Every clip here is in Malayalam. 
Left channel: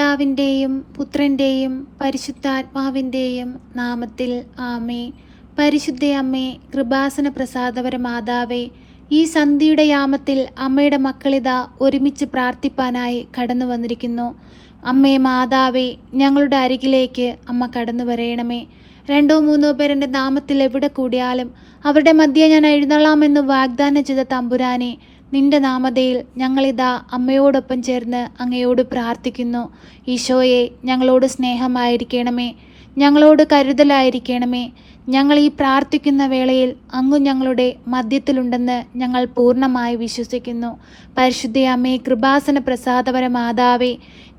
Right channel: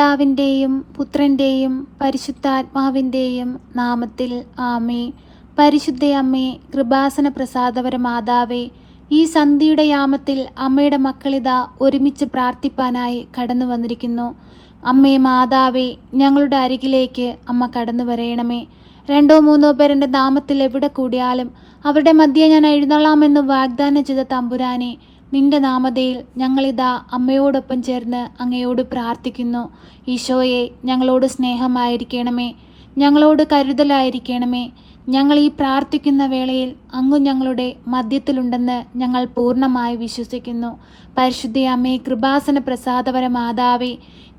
പിതാവിൻ്റെയും പുത്രൻ്റെയും പരിശുദ്ധാത്മാവിൻ്റെയും നാമത്തിൽ ആമേൻ. പരിശുദ്ധയമ്മേ, കൃപാസന പ്രസാദപര മാതാവേ, ഈ സന്ധ്യയുടെ യാമത്തിൽ അമ്മയുടെ മക്കളിതാ ഒരുമിച്ച് പ്രാർത്ഥിപ്പാനായി കടന്നു വന്നിരിക്കുന്നു. അമ്മേ മാതാവേ, ഞങ്ങളുടെ അരികിലേക്ക് അമ്മ കടന്നു വരയണമേ. 2-3 പേർ എൻ്റെ നാമത്തിൽ എവിടെ കൂടിയാലും അവരുടെ മധ്യേ ഞാൻ എഴുന്നള്ളാമെന്ന് വാഗ്ദാനം ചെയ്ത തമ്പുരാനെ, നിന്റെ നാമധേയിൽ ഞങ്ങളിതാ അമ്മയോടൊപ്പം ചേർന്ന് അങ്ങയോട് പ്രാർത്ഥിക്കുന്നു. ഈശോയെ, ഞങ്ങളോട് സ്നേഹമായിരിക്കണമേ, ഞങ്ങളോട് കരുതലായിരിക്കണമേ. ഞങ്ങൾ ഈ പ്രാർത്ഥിക്കുന്ന വേളയിൽ അങ്ങ് ഞങ്ങളുടെ മധ്യത്തിലുണ്ടെന്ന് ഞങ്ങൾ പൂർണ്ണമായി വിശ്വസിക്കുന്നു. പരിശുദ്ധ അമ്മേ, കൃപാസന പ്രസാദപര മാതാവേ,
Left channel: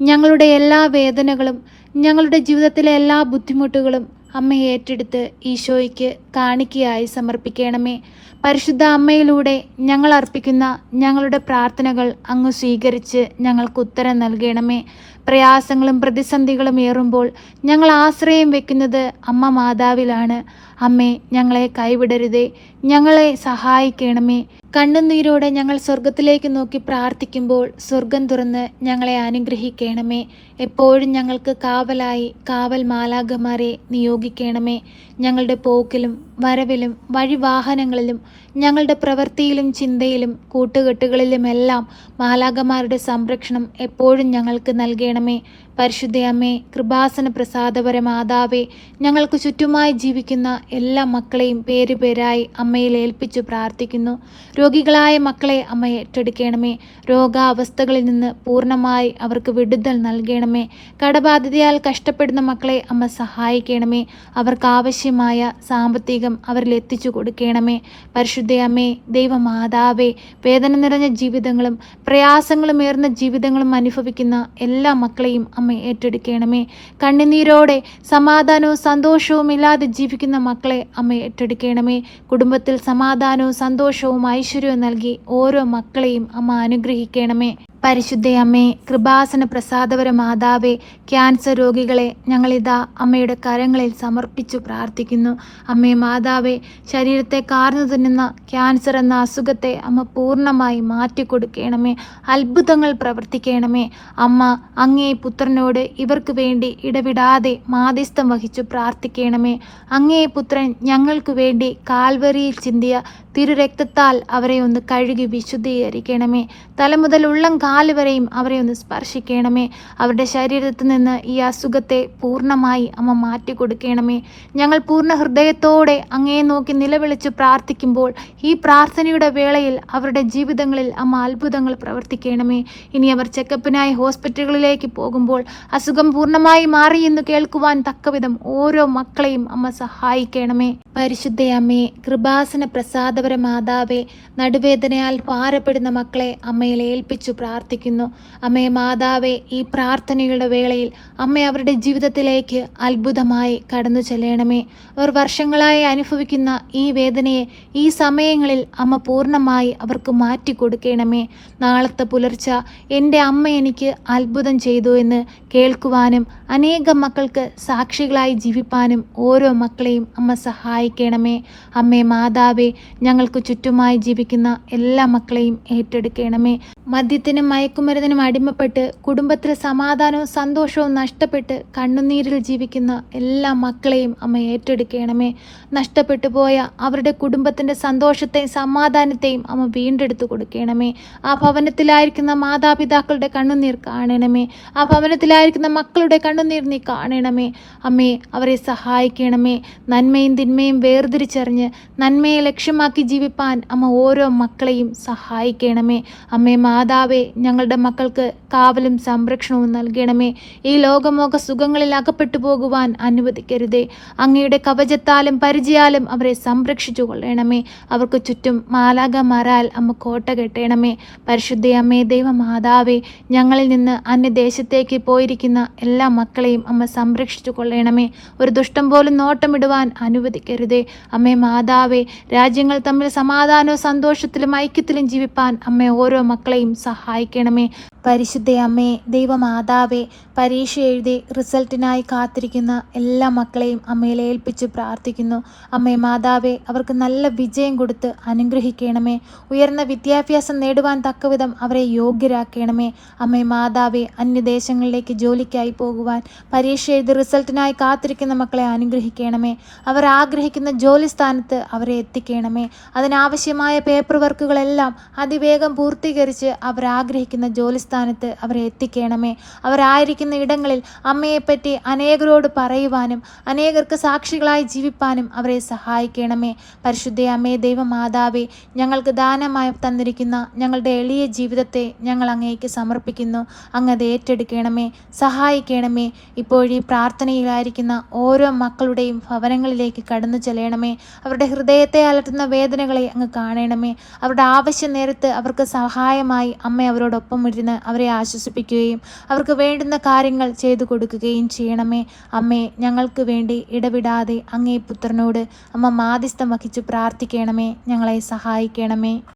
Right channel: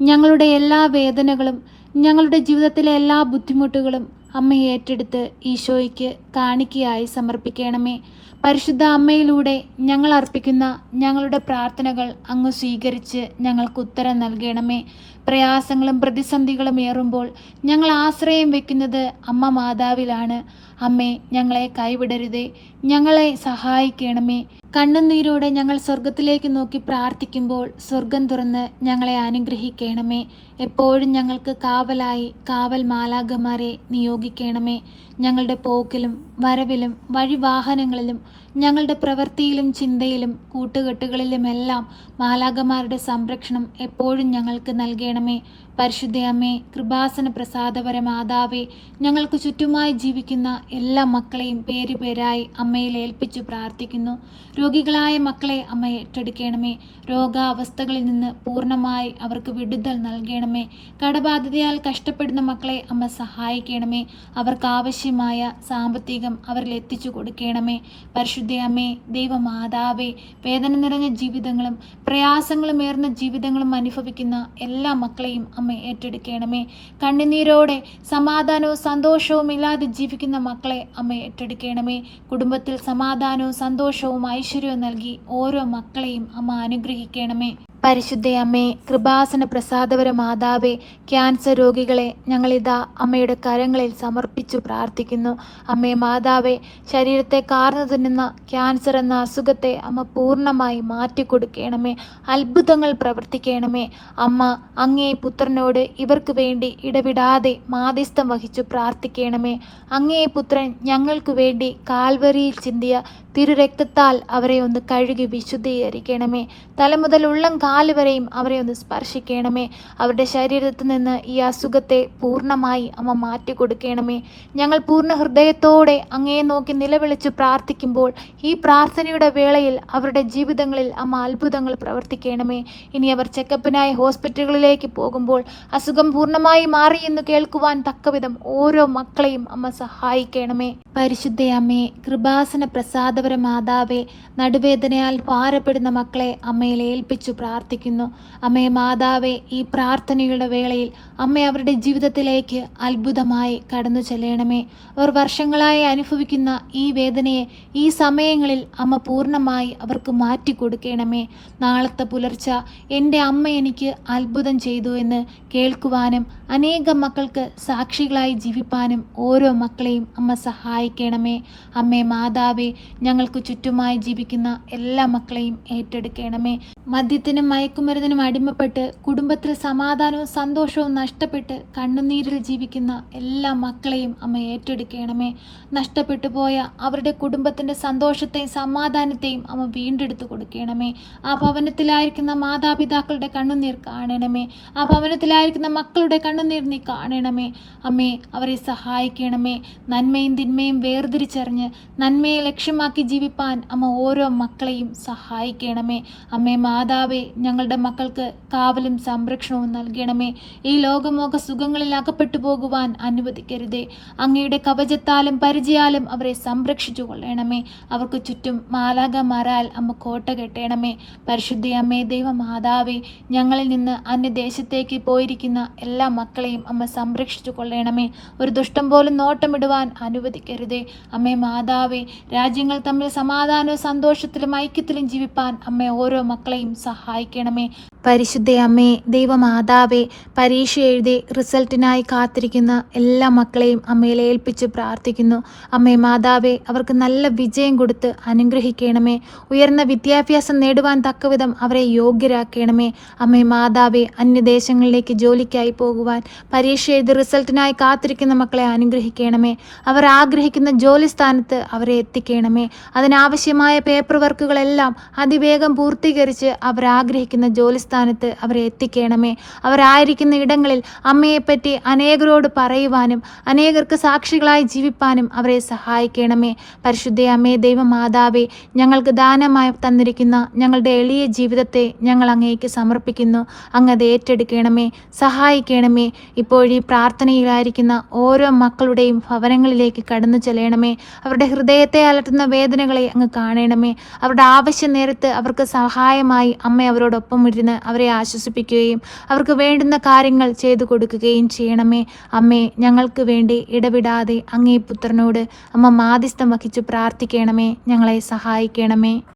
ഞങ്ങളുടെ എല്ലാ വേദനകളും ഞങ്ങളുടെ ജീവിതത്തിലെ എല്ലാ ബുദ്ധിമുട്ടുകളും അമ്മ ഏറ്റെടുത്ത് ഈശോയ്ക്ക് കാണിക്കയായി സമർപ്പിക്കണമേ. പരിശുദ്ധ അമ്മയിലൂടെ ഞങ്ങൾ അർപ്പിക്കുന്ന ഞങ്ങളുടെ പ്രാർത്ഥനകൾ അങ്ങ് സ്വീകരിച്ച് ഞങ്ങൾക്ക് ഉത്തരം നൽകണമേ. പ്രയാസങ്ങളും പ്രതിസന്ധികളും ഏറുമ്പോൾ ഞങ്ങൾ ആശ്രയം വെക്കുന്നത് അമ്മ മാതാവിലാണ്. അമ്മേ, ഞങ്ങളെ കൈവിടരുതേ, ഞങ്ങളെ സഹായിക്കണമേ. കണ്ണുനീരോടെ ഞങ്ങൾ സ്വർഗത്തിലേക്ക് നോക്കി പ്രാർത്ഥിക്കുമ്പോൾ സ്വർഗം തുറന്ന് ഞങ്ങളെ അനുഗ്രഹിക്കണമേ. എപ്പോഴും ഞങ്ങൾക്ക് കാവലായി കാവൽ മാലാഖമാരെ നിയോഗിക്കണമേ. ഞങ്ങളുടെ പോക്കിലും വരവിലും വഴിവാഹനങ്ങളിലും ഞങ്ങളുടെ പ്രവൃത്തിയിലും ചിന്തയിലും കൂട്ടുകെട്ടുകളിലുമെല്ലാം മാലാഖമാരുടെ സംരക്ഷണം എപ്പോഴും ഞങ്ങൾക്ക് നൽകണമേ. പരിശുദ്ധ അമ്മേ, കൃപാസന പ്രസാദപര മാതാവേ, ഞങ്ങൾക്ക് ചുറ്റുമായി ജീവിക്കുന്ന എല്ലാ മക്കളെയും പേരുപേരായി അമ്മയിൽ ഏൽപ്പിച്ചു പ്രാർത്ഥിക്കുന്നു. രോഗികളായ മക്കളെ അമ്മ ഏറ്റെടുക്കണമേ. രോഗാവസ്ഥകളിൽ നിന്ന് പൂർണ്ണമായി അവർക്ക് വിടുതൽ നൽകണമേ. കടബാധിതയാൽ കഷ്ടപ്പെടുന്ന മക്കളെ അമ്മ സഹായിക്കണമേ. അവർക്ക് ആവശ്യമായ സാമ്പത്തികം അവരിൽ എത്തിച്ചു കൊടുക്കണമേ. പരിശുദ്ധ അമ്മേ, ദൈവമാതാവേ, വേദന നിറഞ്ഞ ജീവിതങ്ങളും പ്രയാസങ്ങളും ഏർന്ന ജീവിതങ്ങളും അനുഭവിക്കുന്ന എല്ലാ മക്കളെയും അമ്മ ഏറ്റെടുക്കണമേ. കണ്ണുനീരോടെ സമാധാനവും സന്തോഷവും ഇല്ലാതെ ജീവിക്കുന്ന മക്കളെ അമ്മ ഏറ്റെടുക്കണമേ. കുടുംബത്തിൽ സമാധാനവും സന്തോഷവും ഐശ്വര്യവും നൽകി ഓരോ മക്കളെയും അമ്മ അനുഗ്രഹിക്കണമേ. പരിശുദ്ധ അമ്മേ, കൃപാസന പ്രസാദപര മാതാവേ, ക്യാൻസർ രോഗികളെ ഞങ്ങളിതാ അമ്മയുടെ കരങ്ങളിൽ സമർപ്പിച്ചു പ്രാർത്ഥിക്കുന്നു. അമ്മേ മാതാവേ, ശരീരത്തെ കാർന്നു തിന്നുന്ന ക്യാൻസർ എന്ന അസുഖത്തെ അമ്മ പൂർണ്ണമായി മാറ്റിക്കൊടുക്കണമേ. അത്ഭുതങ്ങൾ പ്രവർത്തിക്കണമേ. അമ്മ അങ്ങേ പുത്രനോട് ഇവർക്ക് വേണ്ടി ഇടവിടാതെ മാധ്യസ്ഥം വഹിച്ചു പ്രാർത്ഥിക്കണമേ. അങ്ങേ പുത്രൻ ഞങ്ങൾക്ക് വേണ്ടി കാൽവരിയിൽ ചിന്തിയ തിരുരക്തത്താൽ അവരെ ഒന്ന് കഴുകി വിശുദ്ധീകരിക്കണമേ. തല മുതൽ ഉള്ളം കാല് വരെയും അവരെ ഒന്ന് സ്പർശിക്കണമേ. അവരുടെ ശരീരത്തിൽ നിന്ന് ഈ അസുഖത്തെ പൂർണ്ണമായി അമ്മ മാറ്റിക്കൊടുക്കണമേ. ഞങ്ങൾ പൂർണ്ണ ഹൃദയത്തോടെ അങ്ങേ നോക്കി നിലവിളിച്ച് പ്രാർത്ഥിക്കുമ്പോൾ ഈ പ്രാർത്ഥനയുടെ വേളയിൽ അവരുടെ ജീവിതങ്ങളിൽ അമ്മ അത്ഭുതങ്ങൾ പ്രവർത്തിക്കണമേ. ഇനി അവർ ചെക്കപ്പിനായി ഹോസ്പിറ്റലുകളിലേക്ക് പോകുമ്പോൾ അസുഖം പൂർണ്ണമായി മാറിയെന്ന് കേൾക്കുവാൻ തക്കവിധം ഓരോ മക്കളെയും അമ്മ സഹായിക്കണമേ. പരിശുദ്ധ അമ്മേ, കൃപാസന പ്രസാദപര മാതാവേ, നടുവേദനയാൽ ഭാരപ്പെടുന്ന മക്കളെ അമ്മയിൽ ഏൽപ്പിച്ചു പ്രാർത്ഥിക്കുന്നു. അമ്മേ മാതാവേ, ഈ പ്രാർത്ഥനയുടെ വേളയിൽ അമ്മ അവരുടെ ജീവിതത്തിലേക്ക് അത്ഭുതമായി കടന്നു ചെല്ലണമേ. അവർ വർഷങ്ങളായി അനുഭവിക്കുന്ന ഈ വേദനയെ ഈ സമയങ്ങളിൽ അമ്മ പൂർണ്ണമായി അവർക്ക് മാറ്റിക്കൊടുക്കണമേ. നാളത്തെ പുലർച്ച എൻ്റെ അമ്മ എനിക്ക് അത്ഭുതം ചെയ്തു എന്ന് കേൾക്കുവാനും അനേകം മക്കൾക്ക് സാക്ഷികളായി ജീവിപ്പാനും ഓരോ മക്കളെയും അമ്മ സഹായിക്കണമേ. അമ്മേ മാതാവേ, ഞങ്ങൾക്ക് ചുറ്റുമായി ജീവിക്കുന്ന എല്ലാ മക്കളെയും ഏറ്റെടുക്കണമേ. മദ്യത്തിനും മയക്കുമരുന്നിനും അടിമപ്പെട്ട് കുടുംബത്തിലെ സമാധാനവും സന്തോഷവും നഷ്ടപ്പെട്ട് കണ്ണുനീരിൽ ജീവിക്കുന്ന എല്ലാ മക്കളെയും അമ്മ ഏറ്റെടുക്കണമേ. നഷ്ടപ്പെട്ടു പോയ അവരുടെ കുടുംബത്തിൻ്റെ സന്തോഷത്തെയും സമാധാനത്തെയും അമ്മ വീണ്ടെടുത്തു കൊടുക്കണമേ. ആ ഭവനത്തിലായിരിക്കുന്ന മാതാപിതാക്കളുടെ കണ്ണുനീർ കാണണമേ. ആ ഭവനത്തിലായിരിക്കുന്ന മക്കളുടെ കണ്ണുനീർ നീ കാണണമേ. അമ്മേ, അവരെ സഹായിക്കണമേ. നന്മയും തിന്മയും വേർതിരിച്ചറിഞ്ഞ് നന്മയെ ലക്ഷ്യമാക്കി ജീവിപ്പാൻ അമ്മ ഓരോ മക്കളെയും സഹായിക്കണമേ. അമ്മേ മാതാവേ, ഞങ്ങളുടെ മക്കൾക്ക് കാവലും സംരക്ഷണവും നൽകണമേ. ഈ ലോകമോഹ സുഖങ്ങളിൽ അകപ്പെട്ടു പോകുവാൻ അനുവദിക്കരുതേ. അങ്ങയുടെ കവചത്താലും പരിചയാലും അവരെ സംരക്ഷിച്ചു കൊള്ളണമേ. അവർക്ക് ചുറ്റും മാലാഖമാരാൽ അമ്മ കോട്ട കെട്ടണമേ. പരിശുദ്ധ അമ്മേ, ദൈവമാതാവേ, ഞങ്ങളിൽ നിന്ന് അന്യദേശത്തേക്ക് പോയിരിക്കുന്ന എല്ലാ മക്കളെയും അമ്മ സംരക്ഷിച്ചു കൊള്ളണമേ. ഒരു ദുഷ്ടം പോലും നോട്ടമിടുവാൻ അനുവദിക്കരുതേ. അമ്മേ മാതാവേ, രാജ്യങ്ങൾ തമ്മിൽ സമാധാനവും സന്തോഷത്തിലും ഐക്യത്തിലും ജീവിപ്പാൻ അമ്മ ഓരോ മക്കളെയും സഹായിക്കണമേ. പരിശുദ്ധ അമ്മേ, ദൈവമാതാവേ, പരീക്ഷ എഴുതി റിസൾട്ടിനായി കാത്തിരിക്കുന്ന എല്ലാ മക്കളെയും അമ്മയിൽ ഏൽപ്പിച്ച് പ്രാർത്ഥിക്കുന്നു. അമ്മേ മാതാവേ, അവർക്ക് നല്ല വിജയം കൊടുത്ത് അനുഗ്രഹിക്കണമേ. ഉയർന്ന വിദ്യാഭ്യാസം നേടുവാൻ തക്കവിധം അവരെ യോഗ്യരാക്കണമേ. അമ്മേ മാതാവേ, അന്യദേശങ്ങളിലേക്ക് ജോലിക്കായി പോകുവാൻ പരീക്ഷ എഴുതി റിസൾട്ടിനായി കാത്തിരിക്കുന്ന മക്കളെ അനുഗ്രഹിക്കണമേ. അവർ ആഗ്രഹിക്കുന്ന ജോലി സ്ഥാനത്ത് അവരെ എത്തിക്കണമേ. അതിനാവശ്യമായ പേപ്പർ വർക്കുകളെല്ലാം അതിവേഗം പൂർത്തീകരിച്ച് അവർ ആഗ്രഹിക്കുന്ന ജോലി സ്ഥാനത്ത് അവരെ എത്തിക്കണമേ. അവരായിരിക്കുന്ന ഇടങ്ങളിൽ അമ്മയെപ്പറ്റി അനേകരോട് പറയുവാനും അനേകർക്ക് സാക്ഷികളായി ജീവിപ്പാനും അവരെ സഹായിക്കണമേ. പരിശുദ്ധ അമ്മേ, ദൈവമാതാവേ, ഞങ്ങൾക്ക് ദാനമായി തന്നിരിക്കുന്ന ഞങ്ങളുടെ എളിയ ജീവിതത്തെ ഞങ്ങൾ അങ്ങേക്ക് സമർപ്പിക്കുന്നു. അങ്ങ് അത് ഏറ്റെടുക്കണമേ, സഹായിക്കണമേ. ഇപ്പോഴീ പ്രാർത്ഥനയിലായിരിക്കുന്ന ഓരോ മക്കളുടെയും ഭവനങ്ങളിലേക്ക് കടന്നു ചെല്ലണമേ. അവരുടെ ഹൃദയത്തെ അലട്ടുന്ന വേദനകളെ അങ്ങ് കാണണമേ. അവരുടെ ആവശ്യ നേരത്ത് അവർക്ക് സഹായമായി അമ്മ അവരോടൊപ്പം ഇരുന്ന് അവരെ ആശ്വസിപ്പിക്കുകയും അവർക്ക് വേണ്ടുന്ന കാര്യങ്ങൾ ചെയ്തു കൊടുക്കുകയും ചെയ്യണമേ. അമ്മേ, ഞങ്ങൾക്ക് വേണ്ടി ഇടവിടാതെ അങ്ങേ പുത്രനോട് അമ്മ മാധ്യസ്ഥം വഹിച്ച് പ്രാർത്ഥിക്കണമേ. ഞങ്ങളെ സഹായിക്കണമേ.